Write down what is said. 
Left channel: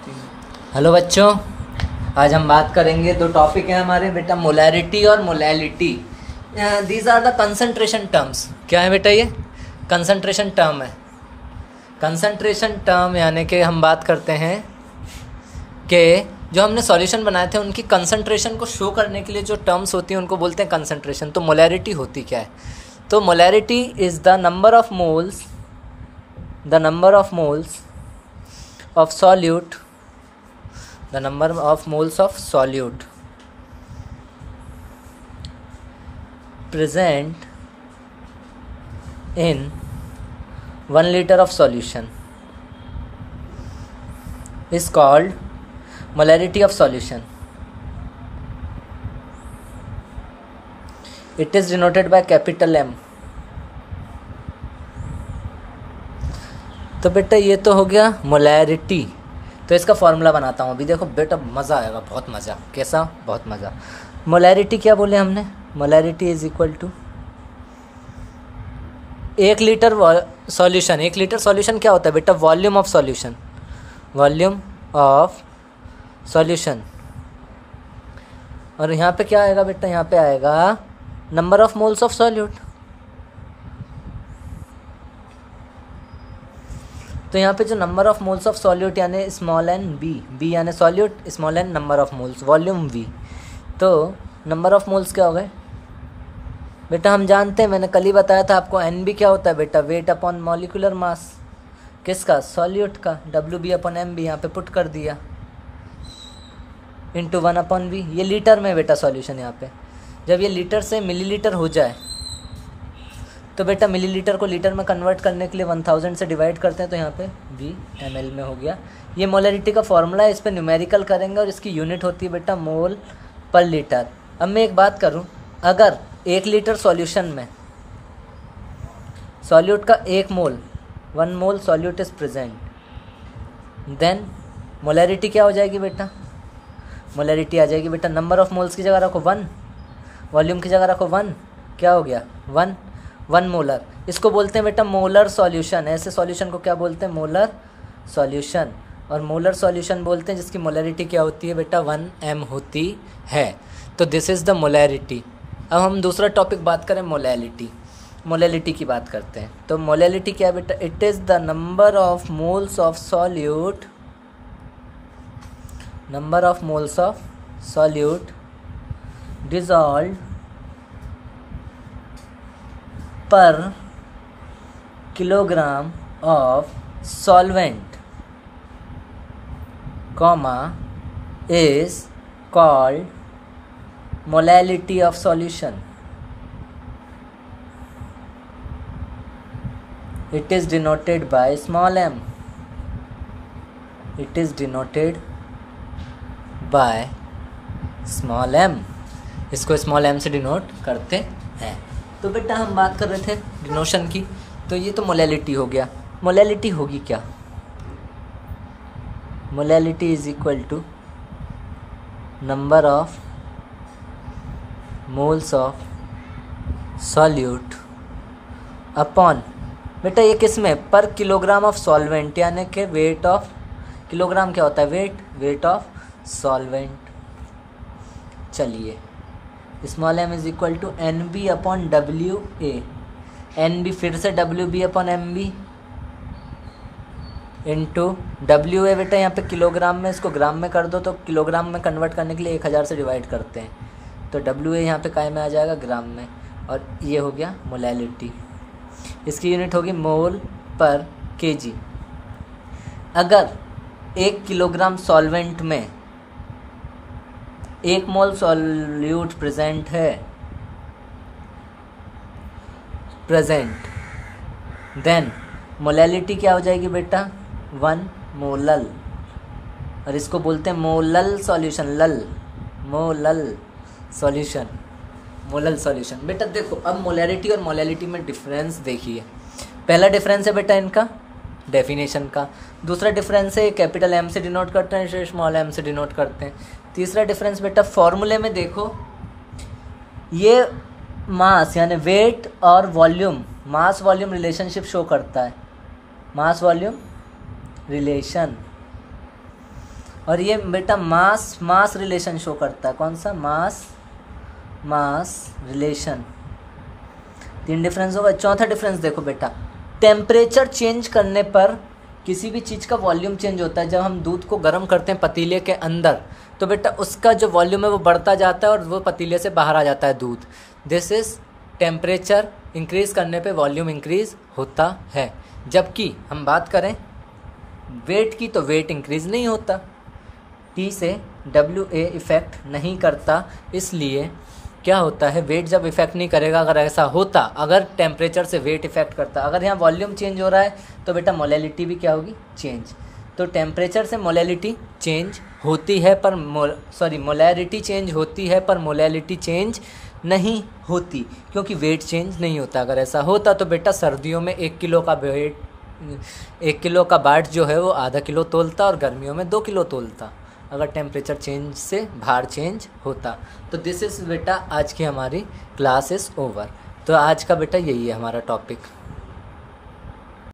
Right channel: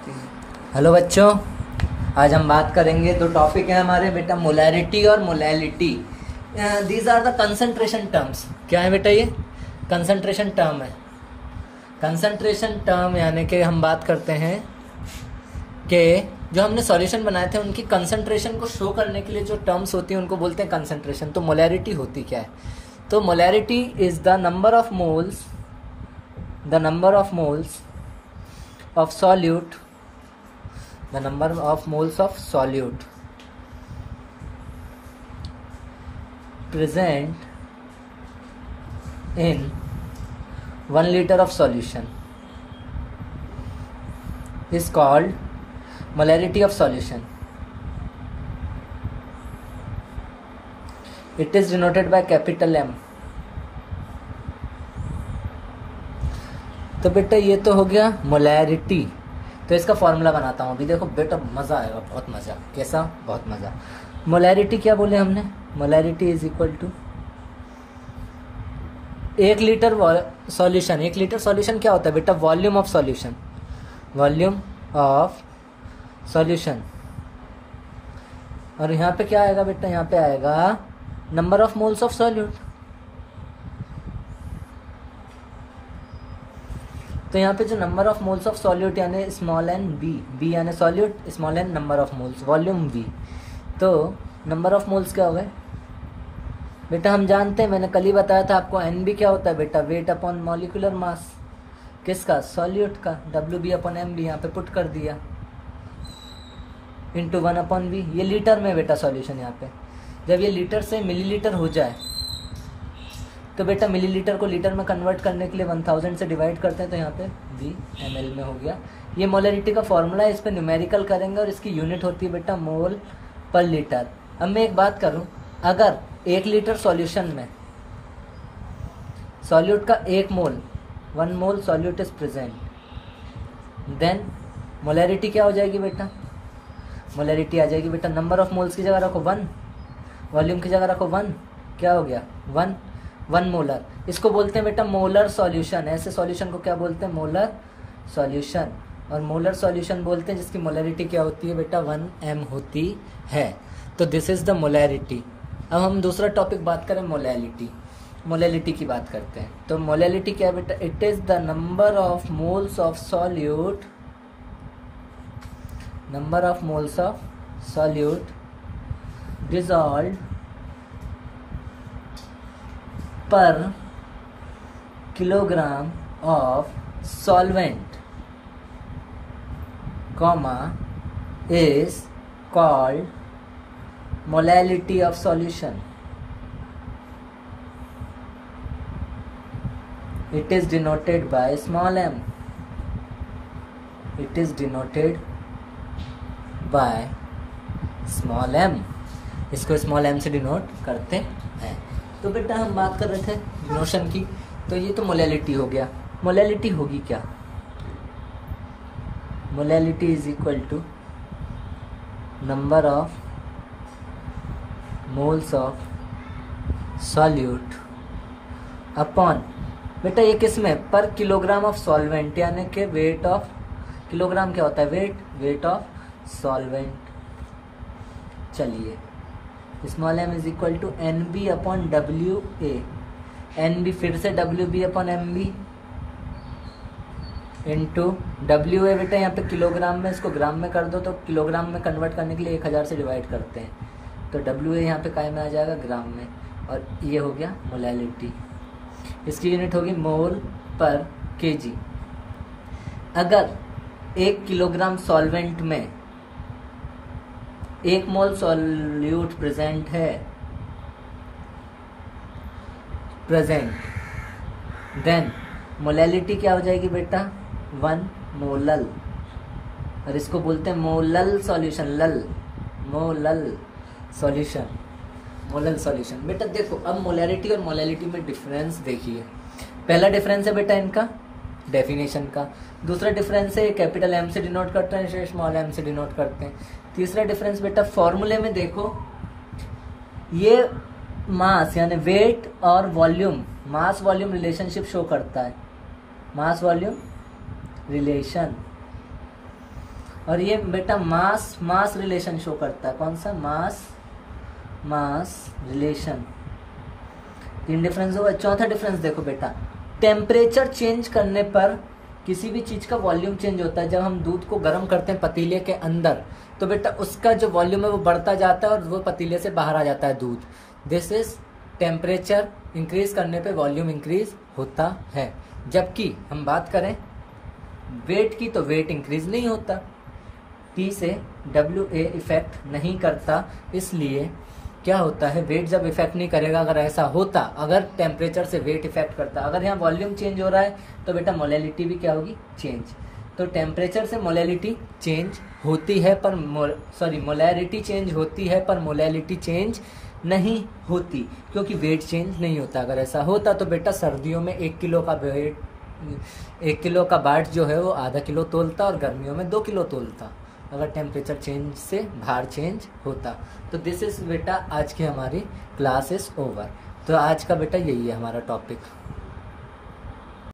Hello बच्चों, आज हम बात करेंगे। दो टॉपिक है हमारे बेटा, मोलैरिटी और molality. These are the concentration terms. क्या है बेटा? ये कंसंट्रेशन टर्म है। कंसंट्रेशन टर्म यानी कि हम बात करते हैं कि जो हमने सॉल्यूशन बनाए थे उनकी कंसंट्रेशन को शो करने के लिए जो टर्म्स होती हैं उनको बोलते हैं कंसंट्रेशन। तो मोलैरिटी होती क्या है? तो molarity is the number of moles of solute, the number of moles of solute present in 1 liter of solution is called molarity of solution. It is denoted by capital M. तो बेटा ये तो हो गया मोलैरिटी। तो इसका formula बनाता हूँ अभी। देखो बेटा, मज़ा आएगा, बहुत मज़ा। कैसा? बहुत मज़ा। मोलैरिटी क्या बोले हमने? Molarity is equal to 1 litre solution. 1 litre solution क्या होता है बेटा? Volume of solution. Volume of solution. और यहाँ पे क्या आएगा बेटा? यहाँ पे आएगा number of moles of solute. तो यहाँ पे जो number of moles of solute यानी स्मॉल एन बी यानी solute, small n number of moles, volume V. तो नंबर ऑफ मोल्स क्या हो गए बेटा? हम जानते हैं, मैंने कल ही बताया था आपको, एन बी क्या होता है बेटा? Weight upon molecular mass. किसका? सॉल्यूट का। W B upon M B यहाँ पे पुट कर दिया, इंटू 1 अपॉन वी। ये लीटर में बेटा सॉल्यूशन। यहाँ पे जब ये लीटर से मिलीलीटर हो जाए तो बेटा मिलीलीटर को लीटर में कन्वर्ट करने के लिए 1000 से डिवाइड करते हैं, तो यहाँ पे V ml में हो गया। ये मोलैरिटी का फॉर्मूला है, इस पर न्यूमेरिकल करेंगे और इसकी यूनिट होती है बेटा मोल पर लीटर। अब मैं एक बात करूँ, अगर 1 लीटर सॉल्यूशन में सॉल्यूट का 1 mole, 1 mole solute is present, then molarity क्या हो जाएगी बेटा? मोलैरिटी आ जाएगी बेटा, नंबर ऑफ मोल्स की जगह रखो 1, वॉल्यूम की जगह रखो 1, क्या हो गया? 1 मोलर। इसको बोलते हैं बेटा मोलर सॉल्यूशन। ऐसे सॉल्यूशन को क्या बोलते हैं? Molar solution. और मोलर सॉल्यूशन बोलते हैं जिसकी मोलैरिटी क्या होती है बेटा? 1 m होती है। तो दिस इज़ द मोलैरिटी। अब हम दूसरा टॉपिक बात करें, मोलैलिटी। मोलैलिटी की बात करते हैं। तो मोलैलिटी क्या है बेटा? It is the number of moles of solute, number of moles of solute dissolved per kilogram of solvent, comma, is called molality of solution. It is denoted by small m. It is denoted by small m. इसको small m से denote करते हैं। तो बेटा हम बात कर रहे थे डिनोशन की, तो ये तो मोलैलिटी हो गया। मोलैलिटी होगी क्या? Molality is equal to number of moles of solute upon, बेटा ये किस में? पर किलोग्राम ऑफ सॉल्वेंट, यानी कि वेट ऑफ, किलोग्राम क्या होता है? Weight of solvent. चलिए, small m is equal to N B upon W A. N B फिर से W B upon M B into W A. बेटा यहाँ पे किलोग्राम में, इसको ग्राम में कर दो तो किलोग्राम में कन्वर्ट करने के लिए 1000 से डिवाइड करते हैं, तो डब्ल्यू ए यहाँ पे काय में आ जाएगा? ग्राम में। और ये हो गया मोलैलिटी। इसकी यूनिट होगी मोल पर केजी। अगर 1 किलोग्राम सॉल्वेंट में 1 मोल सॉल्यूट प्रेजेंट है, देन मोलैलिटी क्या हो जाएगी बेटा? 1 मोलल। और इसको बोलते हैं मोलल सॉल्यूशन। Molal solution. बेटा देखो, अब मोलैरिटी और मोलैलिटी में डिफरेंस देखिए। पहला डिफरेंस है बेटा इनका डेफिनेशन का। दूसरा डिफरेंस है कैपिटल M से डिनोट करते हैं, स्मॉल m से डिनोट करते हैं। तीसरा डिफरेंस बेटा फॉर्मूले में देखो, ये मास यानी वेट और volume, mass volume relationship show करता है, मास वॉल्यूम रिलेशन। और ये बेटा मास रिलेशन शो करता है। कौन सा? मास रिलेशन। 3 डिफरेंस होगा। चौथा डिफरेंस देखो बेटा, टेम्परेचर चेंज करने पर किसी भी चीज़ का वॉल्यूम चेंज होता है। जब हम दूध को गर्म करते हैं पतीले के अंदर, तो बेटा उसका जो वॉल्यूम है वो बढ़ता जाता है और वो पतीले से बाहर आ जाता है दूध। दिस इज टेम्परेचर इंक्रीज करने पे वॉल्यूम इंक्रीज होता है। जबकि हम बात करें वेट की, तो वेट इंक्रीज नहीं होता। टी से WA इफ़ेक्ट नहीं करता, इसलिए क्या होता है, वेट जब इफेक्ट नहीं करेगा। अगर ऐसा होता, अगर टेम्परेचर से वेट इफेक्ट करता, अगर यहाँ वॉल्यूम चेंज हो रहा है तो बेटा मोलैलिटी भी क्या होगी? चेंज। तो टेम्परेचर से मोलैलिटी चेंज होती है पर मोलैरिटी चेंज होती है पर मोलैलिटी चेंज नहीं होती, क्योंकि वेट चेंज नहीं होता। अगर ऐसा होता तो बेटा सर्दियों में 1 किलो का बाट जो है वो आधा किलो तोलता और गर्मियों में 2 किलो तोलता, अगर टेम्परेचर चेंज से भार चेंज होता। तो दिस इज़ बेटा आज की हमारी क्लास इज़ ओवर। तो आज का बेटा यही है हमारा टॉपिक।